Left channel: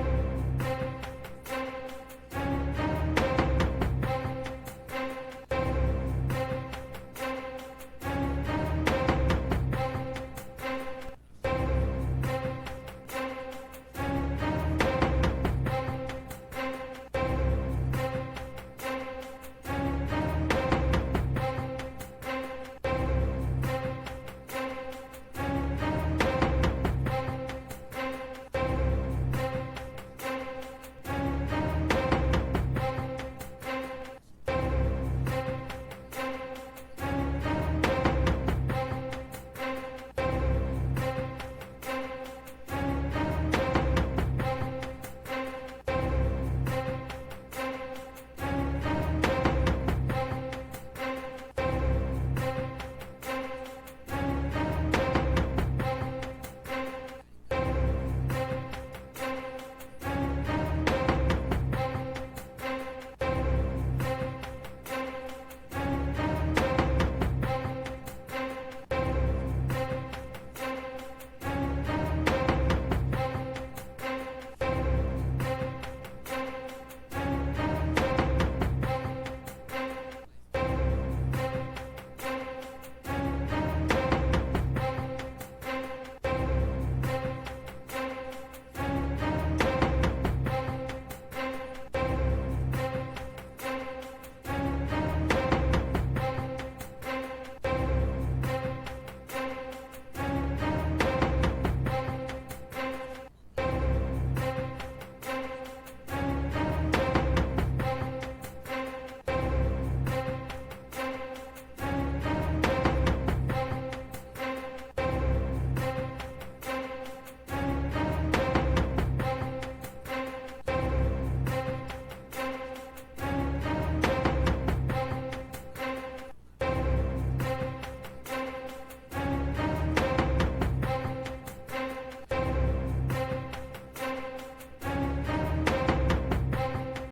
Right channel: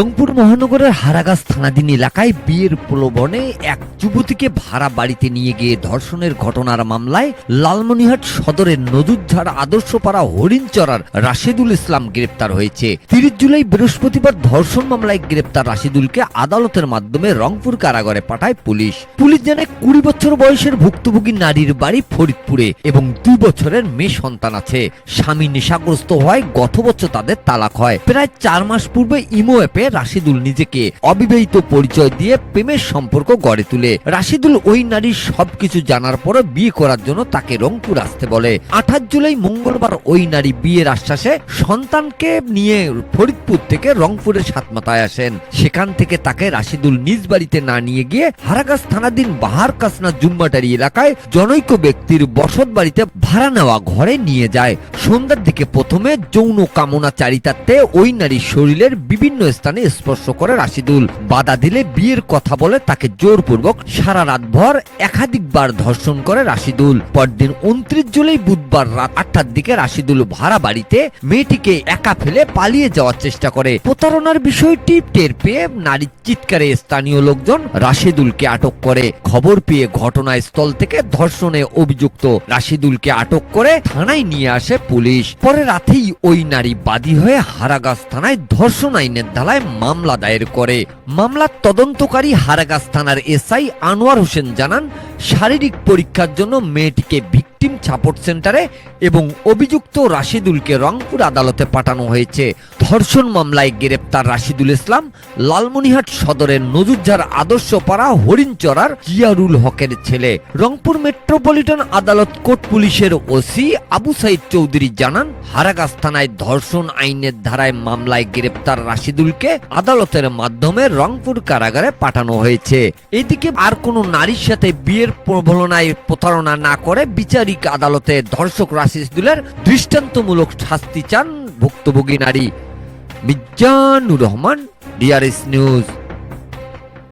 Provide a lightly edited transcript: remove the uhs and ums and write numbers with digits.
রংপুর মহানগরের হারাগাছ থানাধীন এলাকায় বিয়ের প্রলোভনে এক যুবতীকে ভাড়া বাড়িতে নিয়ে গিয়ে ধর্ষণের ঘটনার মামলায় লালমনিরহাট সদরের নদুরঝাড় আদর্শপাড়া হরিণচরার রাশেদুল ইসলাম গ্রেপ্তার হয়েছে। 30 জুলাই বৃহস্পতিবার ধর্ষণ মামলায় গ্রেপ্তার রাশেদুলকে আদালতের মাধ্যমে রংপুর কারাগারে পাঠায় পুলিশ। পুলিশ জানায় 20 বছর বয়সের ভুক্তভোগী নারীর বাড়ি ফরিদপুরে এবং 2 বছরের মেয়ে সন্তান আছে। স্বামী নেশাগ্রস্ত হওয়ায় গত বছর তাদের তালাক হয়। প্রায় 4 মাস পূর্বে ইমো অ্যাপে রাশেদুল নিজেকে অবিবাহিত পরিচয় দিয়ে প্রেমের সম্পর্ক গড়ে তোলে। রাশেদুল ওই নারীর সবকিছু জানার পরে বিয়ে করার জন্য তাকে রংপুর আসতে বলে। 28 জুলাই মঙ্গলবার ওই নারী বিয়ের আশ্বাসে সন্তানকে নিয়ে ফরিদপুর থেকে রংপুরের সাতমাথায় আসেন। সেখান থেকে তাকে রাশেদুল নিজ বাড়িতে না নিয়ে গিয়ে হারাগাছ থানাধীন বাহার কাসনা জুম্মাটারি এলাকায় জনৈক ব্যক্তির বসত বাড়িতে ভাড়া নেওয়া ঘরে নিয়ে যায়। সন্ধ্যার দিকে প্রথমে যৌন কামনা চারিতার্থে ওই নারীর শরীরের বিভিন্ন স্থানে স্পর্শ করে রাশেদুল। বাধা দিলে বিয়ের কথা বলে তাকে জোরপূর্বক সারা রাতভর একাধিকবার ধর্ষণ করে রাশেদুল। পরদিন 29 জুলাই বুধবার রাত 8টার দিকে রাশেদুল ভাড়া বাড়িতে মেয়েটিকে একা ফেলে পালিয়ে যাওয়ার চেষ্টা করে। প্রতারণার বিষয়টি টের পেয়ে নারীর চিৎকারে স্থানীয় লোকজন রাশেদুলকে আটক করে। খবর পেয়ে ঘটনাস্থল থেকে ধর্ষণে অভিযুক্ত রাশেদুলকে আটক করে থানায় নিয়ে আসে পুলিশ। পরে রাতেই ওই নারী বাদী হয়ে হারাগাছ থানায় ধর্ষণ আইনের ধারায় মামলা দায়ের করে। মামলার তদন্তকারী হারাগাছ থানার এসআই আনোয়ার হোসেন জানান, শারীরিক পরীক্ষার জন্য মেয়েটিকে ভিকটিম সাপোর্ট সেন্টারে এবং অভিযুক্ত রাশেদুলকে রংপুর আদালতে পাঠানো হয়েছে। ধর্ষণ মামলায় গ্রেপ্তার রাশেদুল ইসলাম লালমনিরহাট সদরের নদুরঝাড় আদর্শপাড়া হরিণচরার জিয়ারুল হকের ছেলে। রংপুর মেট্রোপলিটন আদালত কোর্ট পুলিশের ওসি আবু সাইদ চৌধুরী জানান, হারাগাছ থানায় ধর্ষণ আইনের ধারায় মামলায় গ্রেপ্তার রাশেদুলকে আদালতের মাধ্যমে রংপুর কারাগারে পাঠানো হয়েছে। এদিকে আর কোনো নারীর সাথে বিয়ের প্রলোভনায় প্রতারণা না করে বিচারিক আদালতে ধর্ষক রাশেদুলের দৃষ্টান্তমূলক শাস্তি চান ভুক্তভোগী নারী। Mizanur Rahman, DRS news.